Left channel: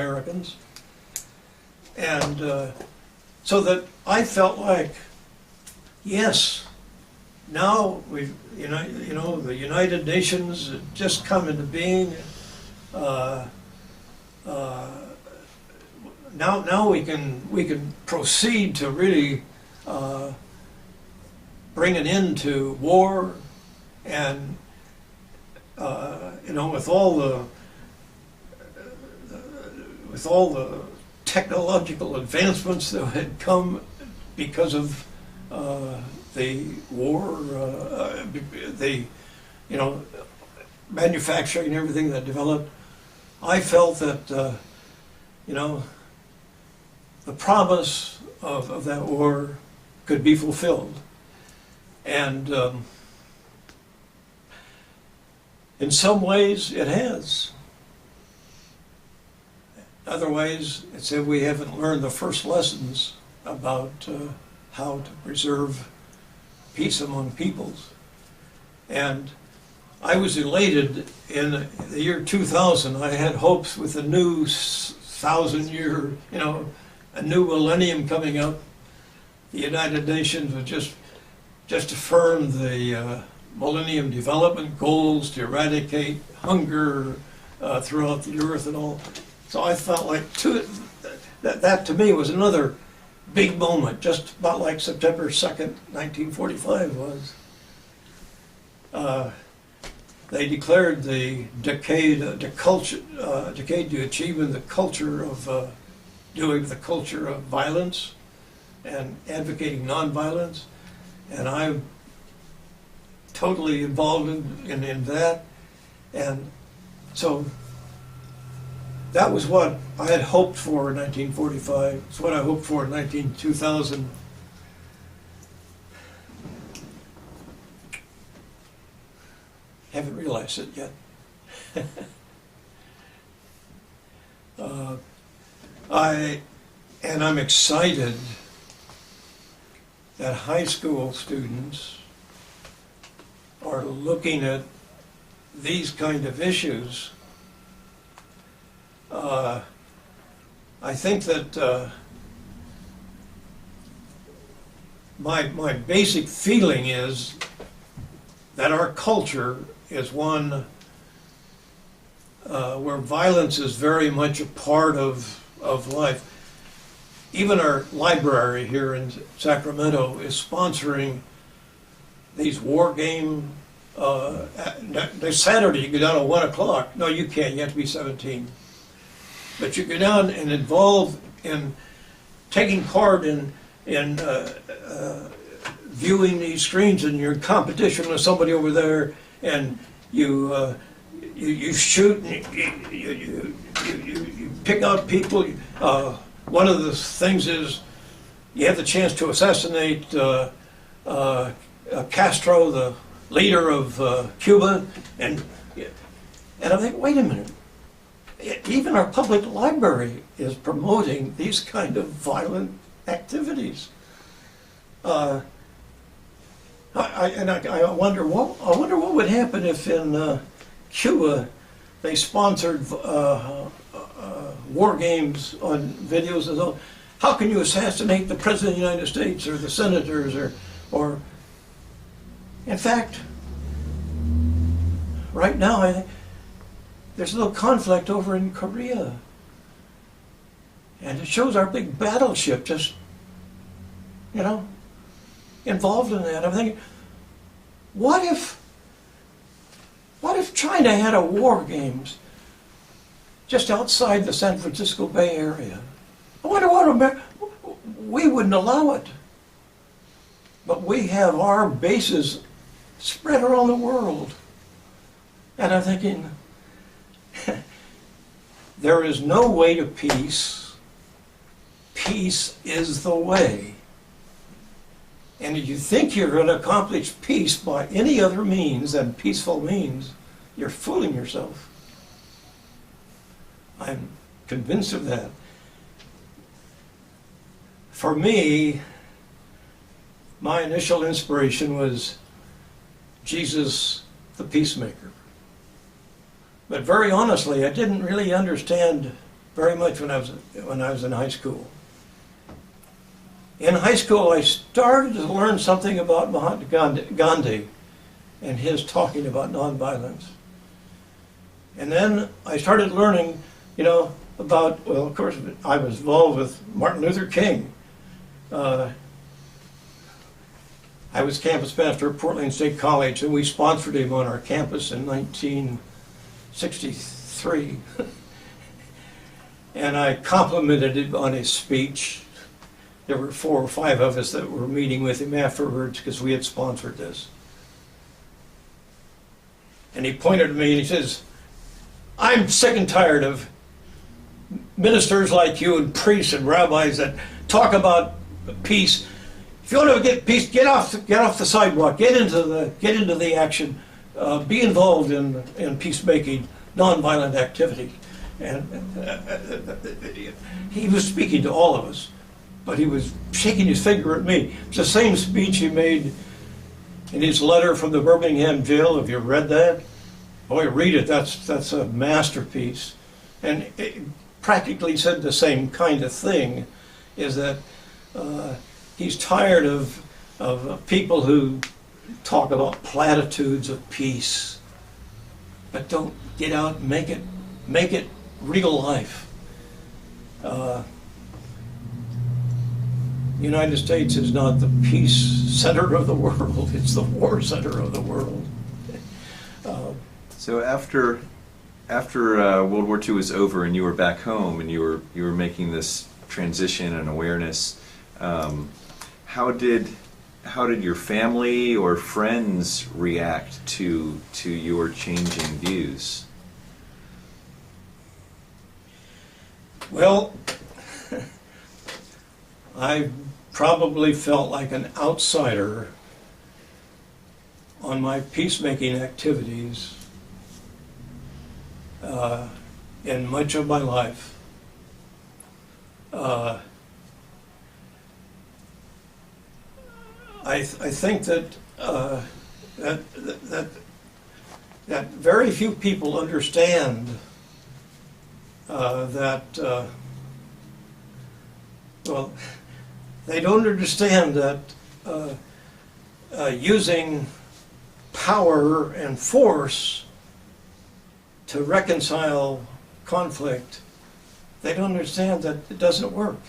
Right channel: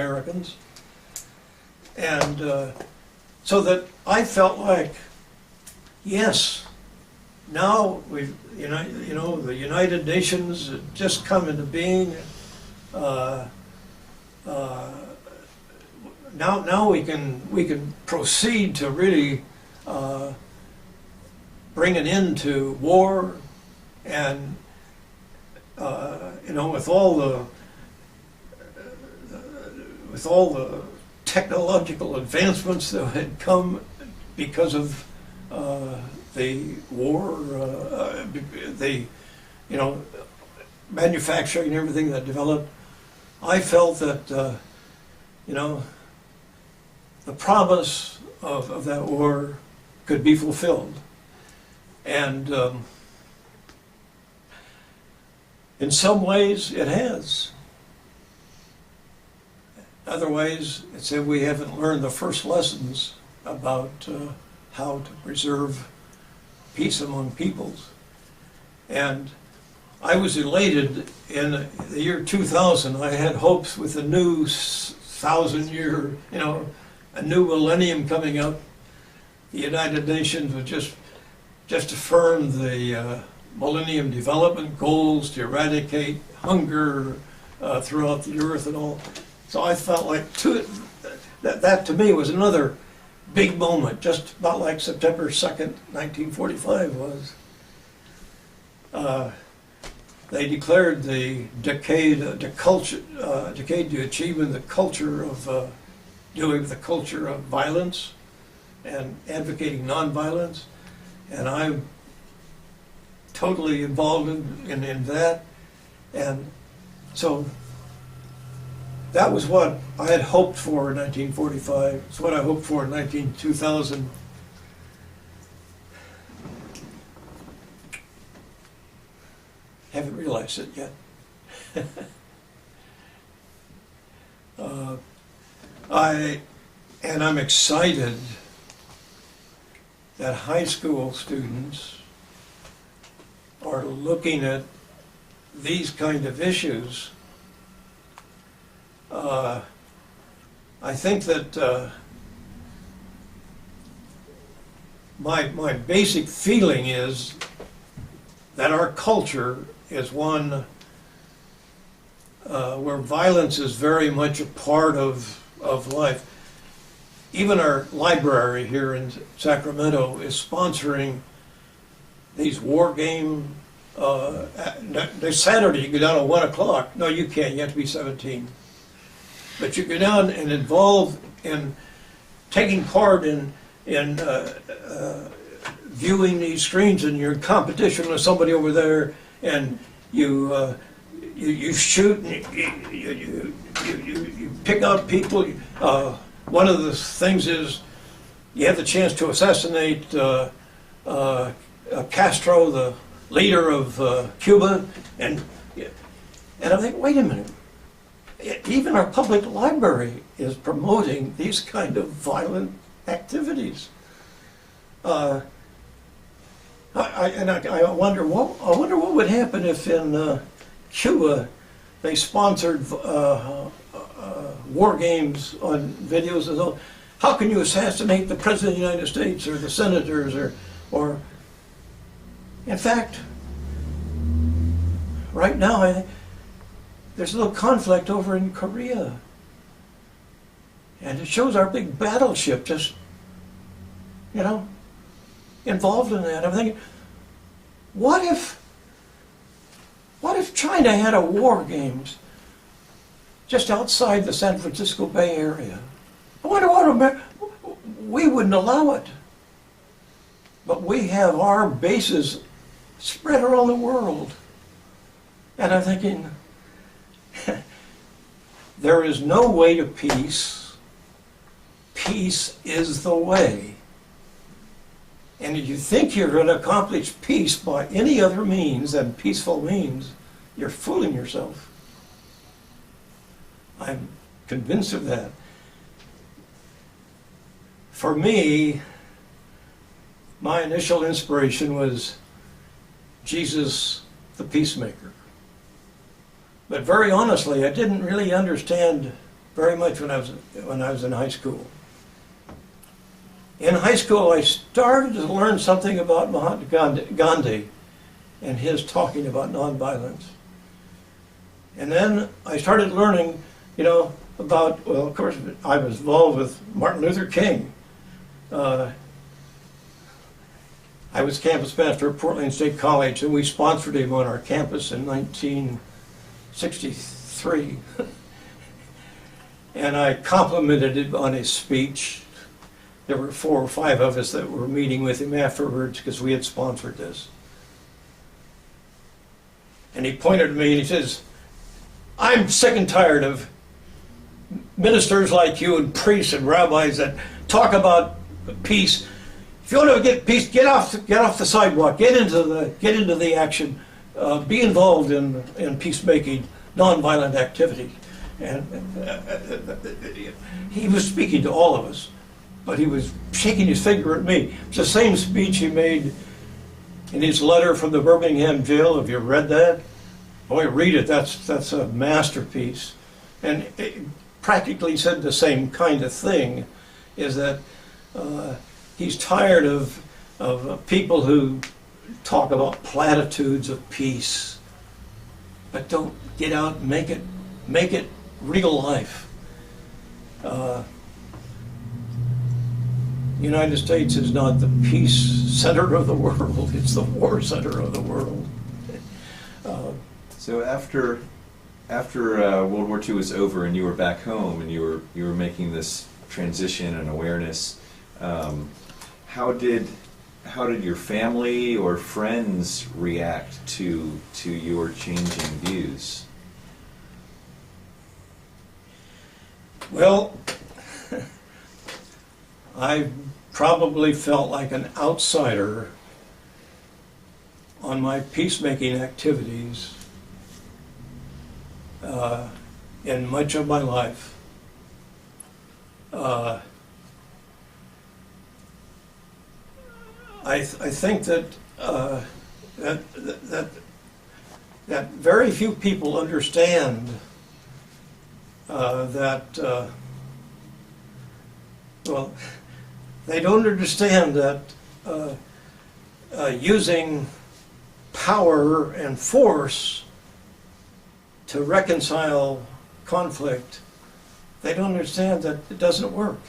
Americans. And so that I felt like, yes, now we've, you know, the United Nations had just come into being. Now we can proceed to really bring an end to war, and you know, with all the technological advancements that had come because of the war, the, you know, manufacturing and everything that developed, I felt that you know, the promise of that war could be fulfilled. And in some ways it has. In other ways, it's that we haven't learned the first lessons about how to preserve peace among peoples. And I was elated in the year 2000. I had hopes with a new 1,000-year, you know, a new millennium coming up. The United Nations would just affirm the Millennium Development Goals to eradicate hunger throughout the earth and all. So I felt like that to me was another big moment, just about like September 2nd, 1945 was. They declared the decade to achievement the culture of doing the culture of violence and advocating nonviolence, and I'm totally involved in that. And so that was what I had hoped for in 1945. It's what I hoped for in 2000. Haven't realized it yet. I'm excited that high school students are looking at these kind of issues. I think that my basic feeling is that our culture is one where violence is very much a part of life. Even our library here in Sacramento is sponsoring these war game. This Saturday you go down at 1 o'clock. No, you can't. You have to be 17. But you go down and involve in taking part in viewing these screens, and you're in competition with somebody over there, and you shoot, and you pick out people. One of the things is you have the chance to assassinate Castro, the leader of Cuba, and I think, wait a minute. Even our public library is promoting these kind of violent activities. I wonder what would happen if in Cuba they sponsored war games on videos and all. How can you assassinate the President of the United States or the senators or in fact, right now I think there's a little conflict over in Korea, and it shows our big battleship just, you know, involved in that. I'm thinking, what if China had a war games just outside the San Francisco Bay Area? I wonder what we wouldn't allow it. But we have our bases spread around the world. And I'm thinking, there is no way to peace. Peace is the way. And if you think you're going to accomplish peace by any other means than peaceful means, you're fooling yourself. I'm convinced of that. For me, my initial inspiration was Jesus the peacemaker. But very honestly, I didn't really understand very much when I was in high school. In high school, I started to learn something about Mahatma Gandhi and his talking about nonviolence. And then I started learning, about, well, of course, I was involved with Martin Luther King. I was campus pastor at Portland State College, and we sponsored him on our campus in 1963. And I complimented him on his speech. There were 4 or 5 of us that were meeting with him afterwards because we had sponsored this. And he pointed to me and he says, "I'm sick and tired of ministers like you and priests and rabbis that talk about peace. If you want to get peace, get off the sidewalk, get into the action, be involved in peacemaking, nonviolent activities." And he was speaking to all of us, but he was shaking his finger at me. It's the same speech he made in his letter from the Birmingham jail. Have you read that? Boy, read it. That's a masterpiece. And it practically said the same kind of thing, is that he's tired of people who talk about platitudes of peace, but don't get out and make it real life. The United States is not the peace center of the world, it's the war center of the world. So after World War II was over and you were back home and you were making this transition and awareness, how did your family or friends react to your changing views? Well, I probably felt like an outsider on my peacemaking activities in much of my life. I think that that very few people understand well, they don't understand that using power and force to reconcile conflict, they don't understand that it doesn't work.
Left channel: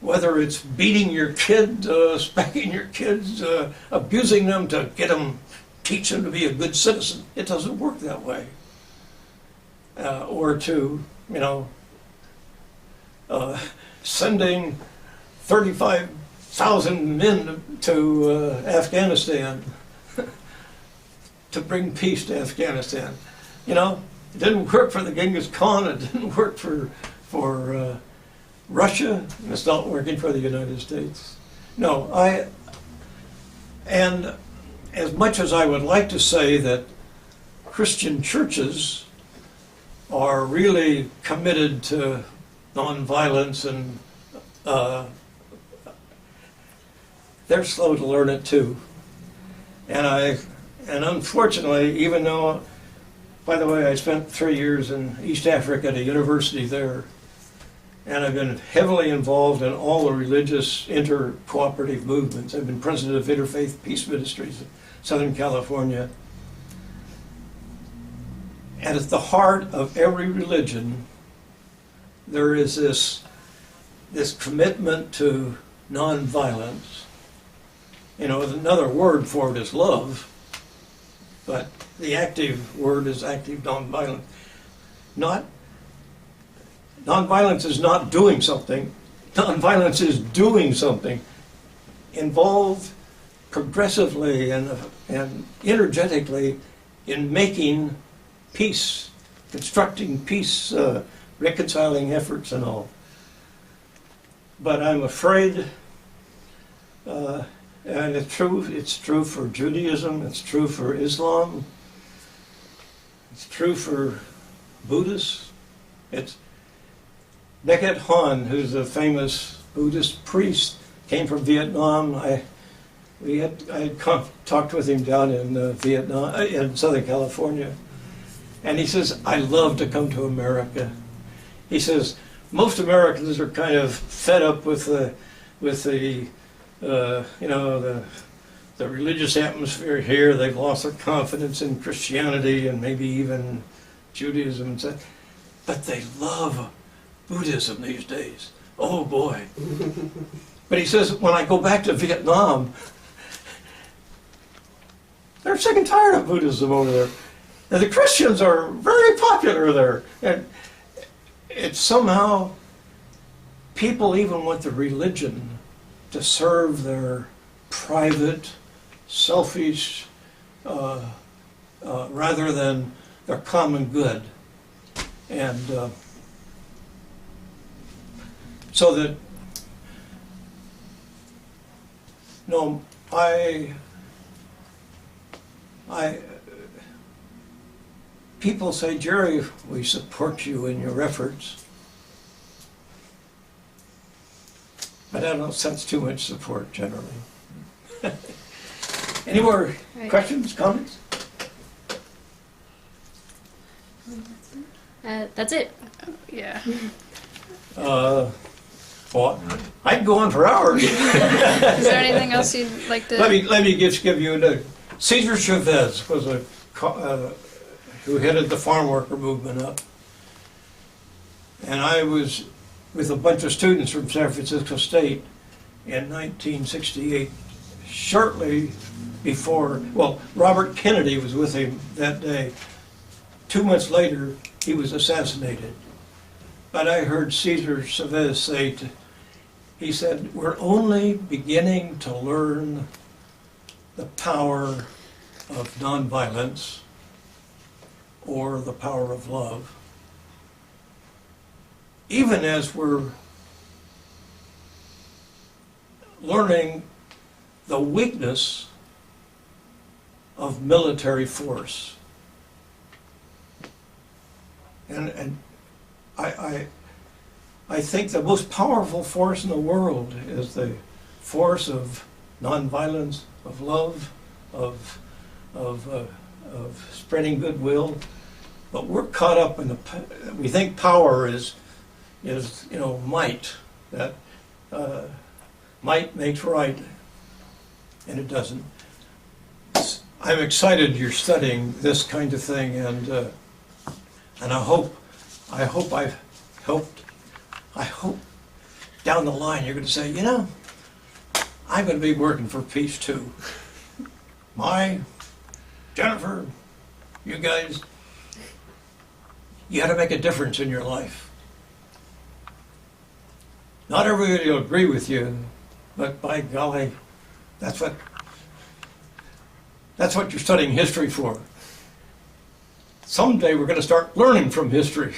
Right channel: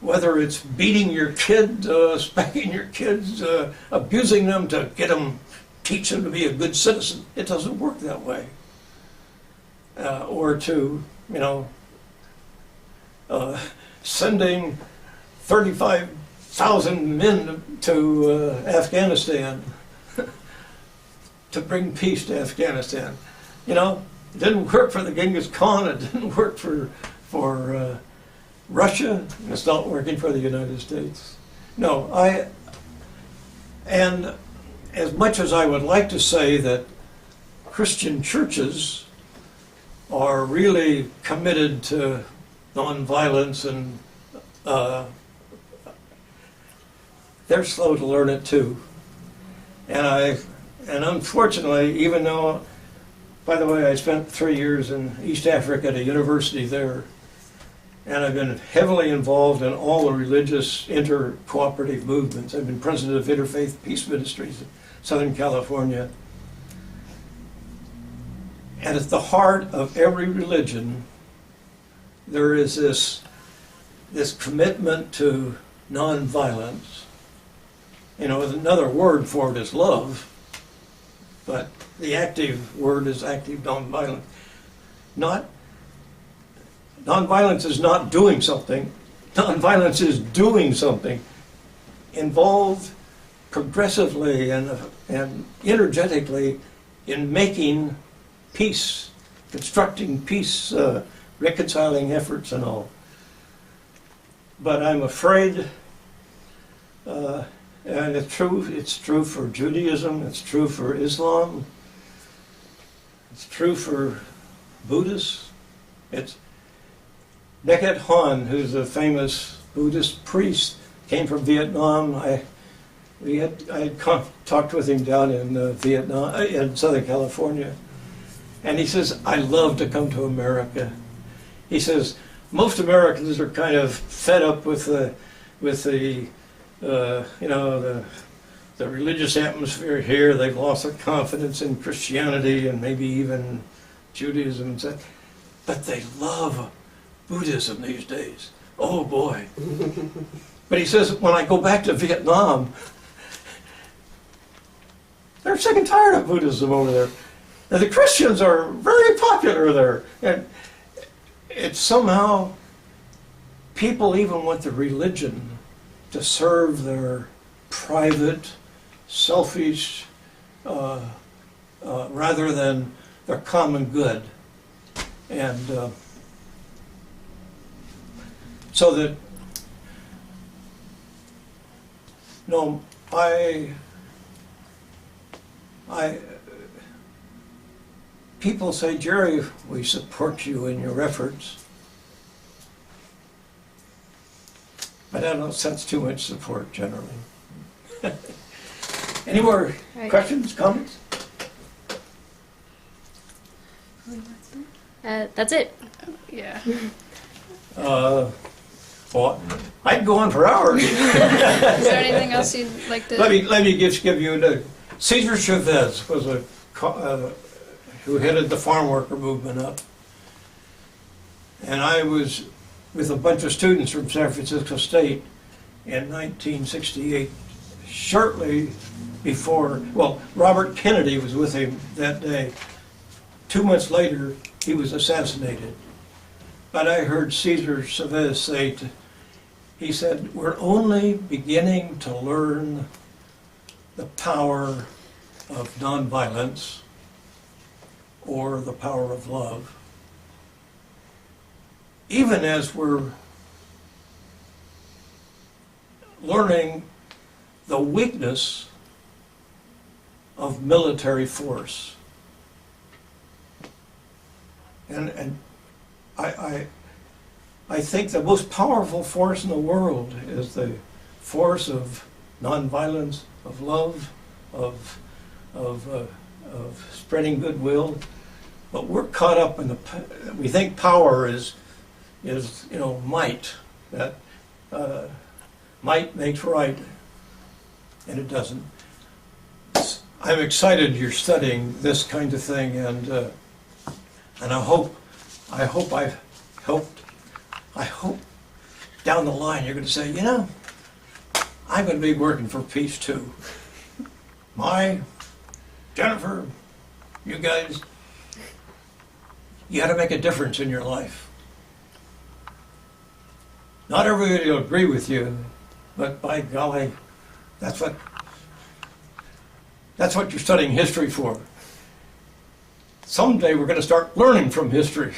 Whether it's beating your kid, spanking your kids, abusing them to teach them to be a good citizen, it doesn't work that way. Or to, sending 35,000 men to Afghanistan to bring peace to Afghanistan. It didn't work for the Genghis Khan, it didn't work for Russia, and it's not working for the United States. No, and as much as I would like to say that Christian churches are really committed to nonviolence, and they're slow to learn it too. And unfortunately, even though, by the way, I spent 3 years in East Africa at a university there, and I've been heavily involved in all the religious inter-cooperative movements. I've been president of Interfaith Peace Ministries in Southern California. And at the heart of every religion, there is this commitment to nonviolence. Another word for it is love, but the active word is active nonviolence. Nonviolence is not doing something. Nonviolence is doing something. Involved progressively and energetically in making peace, constructing peace, reconciling efforts and all. But I'm afraid, and it's true for Judaism, it's true for Islam, it's true for Buddhists. It's Neket Han, who's a famous Buddhist priest, came from Vietnam. I had talked with him down in Vietnam, in Southern California, and he says, "I love to come to America. he says, most Americans are kind of fed up with the the religious atmosphere here. They've lost their confidence in Christianity and maybe even Judaism and such. But they love Buddhism these days. Oh boy. But he says, when I go back to Vietnam, they're sick and tired of Buddhism over there. And the Christians are very popular there. And it's somehow, people even want the religion to serve their private, selfish, rather than their common good. And so that, no, people say, Jerry, we support you in your efforts. But I don't sense too much support generally. Any more questions, comments? That's it. Yeah. Well, I'd go on for hours. Is there anything else you'd like to? Let me just give you the Cesar Chavez was who headed the farm worker movement up, and I was with a bunch of students from San Francisco State in 1968, shortly before. Well, Robert Kennedy was with him that day. 2 months later, he was assassinated. But I heard Cesar Chavez say, he said, we're only beginning to learn the power of nonviolence or the power of love, even as we're learning the weakness of military force. And I think the most powerful force in the world is the force of nonviolence, of love, of spreading goodwill. But we're caught up in we think power is might. That might makes right, and it doesn't. I'm excited you're studying this kind of thing, and I hope I've helped. I hope down the line you're going to say, I'm going to be working for peace too. Jenifer, you guys, you got to make a difference in your life. Not everybody will agree with you, but by golly, that's what you're studying history for. Someday we're going to start learning from history.